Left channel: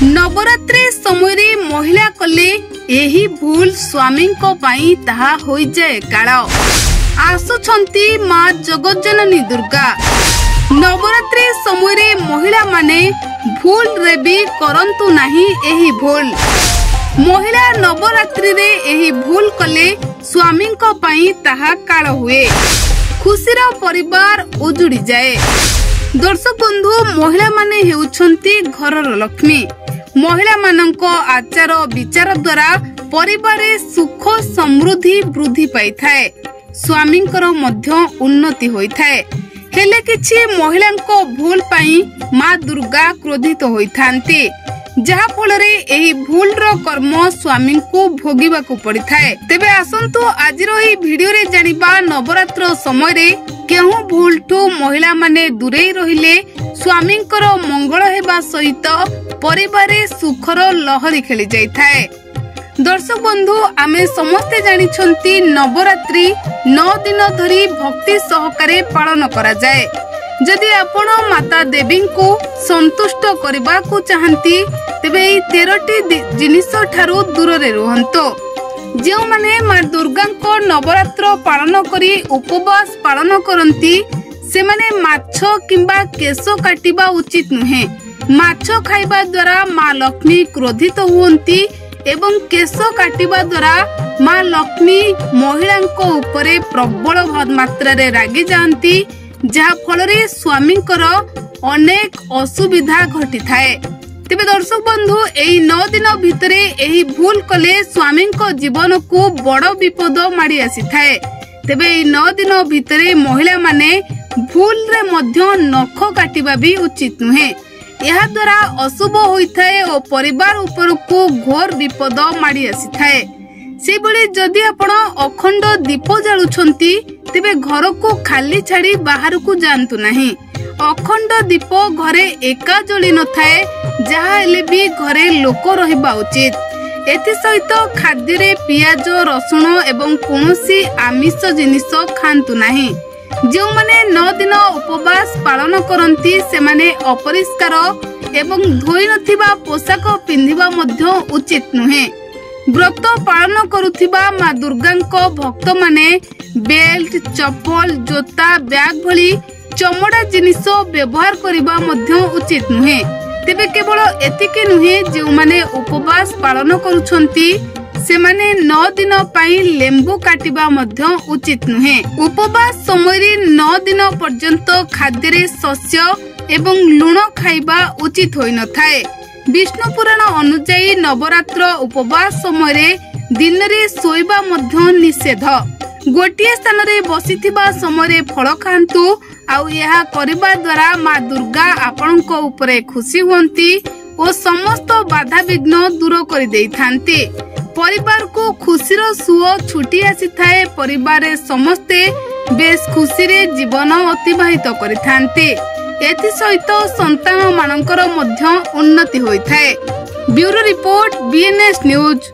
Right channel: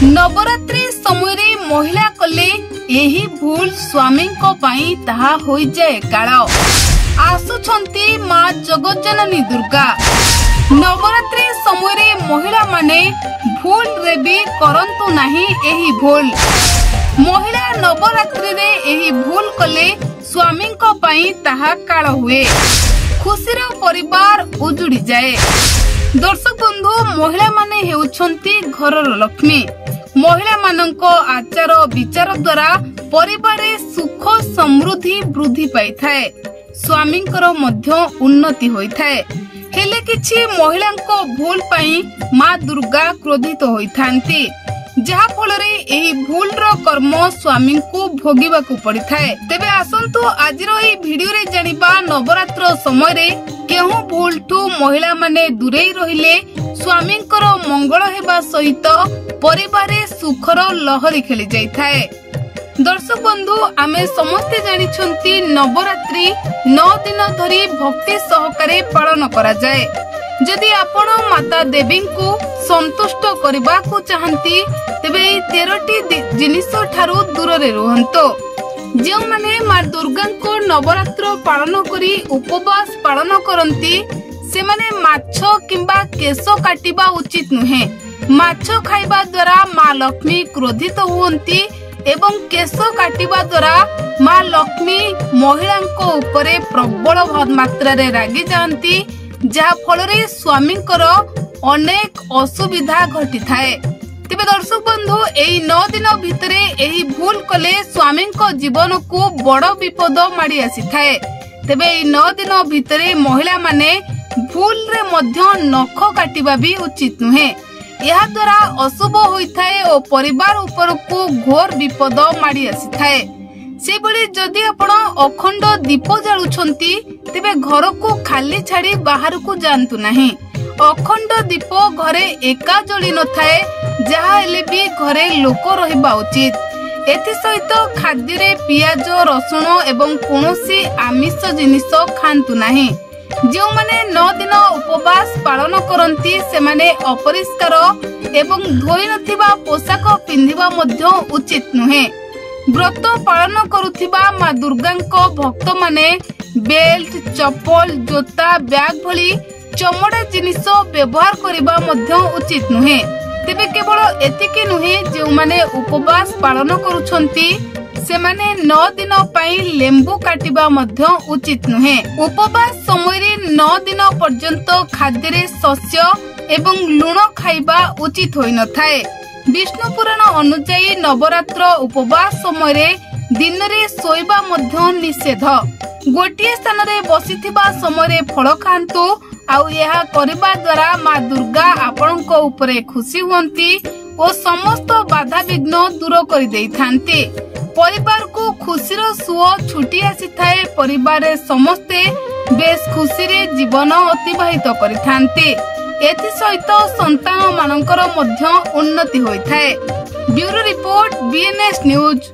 नवरात्रि समय महिला कले एही भूल स्वामी ताहा होई जाए काल। आसुछंती माँ जगज्जननी दुर्गा। नवरात्रि समय महिला माने भूल रे भी करंतु नाही एही भूल। महिला नवरात्रि रे एही भूल कले स्वामी ताहा काल हुए, खुशीर परिवार उजुड़ी जाए। दर्शक बंधु, महिला माने हेउछंती घरर लक्ष्मी। महिला मानक आचार विचार द्वारा परिवार सुख समृद्धि वृद्धि पाई थाए, स्वामींकर मध्य उन्नति होई थाए। हेले किछि महिलांको भूल पाई माँ दुर्गा क्रोधित होई थांती, जहा फलरे एही भूल रो कर्म स्वामी को भोगिबा को पड़ी थाए। तेबे आसंतु आजिर एही वीडियो रे जानिबा नवरात्र समय रे केहू भूल ठू महिला माने दूरेई रहिले स्वामींकर मंगल हेबा सहित परिवार सुखर लहरी खेली जाई थाए। दर्शक बंधु, आमे समस्ते जानिछंती नवरात्रि 9 दिन धरी भक्ति सहकारे पालन करा जाए। जदि आपण माता देवी को संतुष्ट करबा को चाहंती तेबे 13टी जिनिस ठारू दूर रे रहंतो। जेउ माने मां दुर्गा को नवरात्र पालन करी उपवास पालन करंती से माने माछ किंबा केश काटिबा उचित नुहे। माछ खाइबा द्वारा मां लक्ष्मी क्रोधित हुंती एवं केश काटिबा द्वारा मां लक्ष्मी महिलांको उपरे प्रबल मात्रा रे रागी जांती, जहा फलरे स्वामींकर अनेक असुविधा घटी थाए। तेबे दर्शक बंधु, एही 9 दिन भितरे एही भूल कले स्वामी जीवन को बड़ विपद माड़ी आसी थाए। तेबे एही 9 दिन भितरे महिला माने भूल रे मध्य नख काटिबा भी उचित नुहे। यह द्वारा अशुभ होई थाए और परिवार ऊपर को घोर विपद माड़ी आसी थाए। से बळे जदि आपण अखंड दीप जालुछंती तेबे घर को खाली छाड़ी बाहर को जानतु नहीं। अखंड दीप घरे एका जली न थाए, जहा हेले भी घरे लोक रहिबा उचित। एथि सहित खाद्य रे पियाज रसुण एवं कोनोसी आमिष जिनिस खांतु नहीं। जो माने 9 दिन उपवास पालन करंती से माने अपरिष्कार एवं धोई नथिबा पोशाक पिंधिबा मध्य उचित नुहे। व्रत पालन करुथिबा माँ दुर्गांको भक्त माने बेल्ट, चप्पल, जोता, बैग भली चमड़ा जिनिस व्यवहार करिबा मध्य उचित नुहे। तेबे केवल एतिके नुहे, जो माने उपवास पालन करुछंती से माने 9 दिन पाई लेंबू काटिबा मध्य उचित नुहे। उपवास समय रे 9 दिन पर्यंत खाद्य रे शस्य एवं लूण खाइबा उचित होई न थाए। विष्णु पुराण अनुसार नवरात्र उपवास समय रे दिन रे सोइबा मध्य निषेध। गोटिए स्थान रे बसिथिबा समय रे फल खांतु, आउ यह करबा द्वारा माँ दुर्गा आपनक उपरे खुशी हुंती और समस्त बाधा विघ्न दूर कर देई थांती। परिवार को खुशीर सुओ छुटी आसी थाए। परिवार समस्ते बेस खुशी रे जीवन अतिबाहित करि थांती। एथि सहित संतान मानकर मध्य उन्नति होई थाए। Bureau report, BNS news.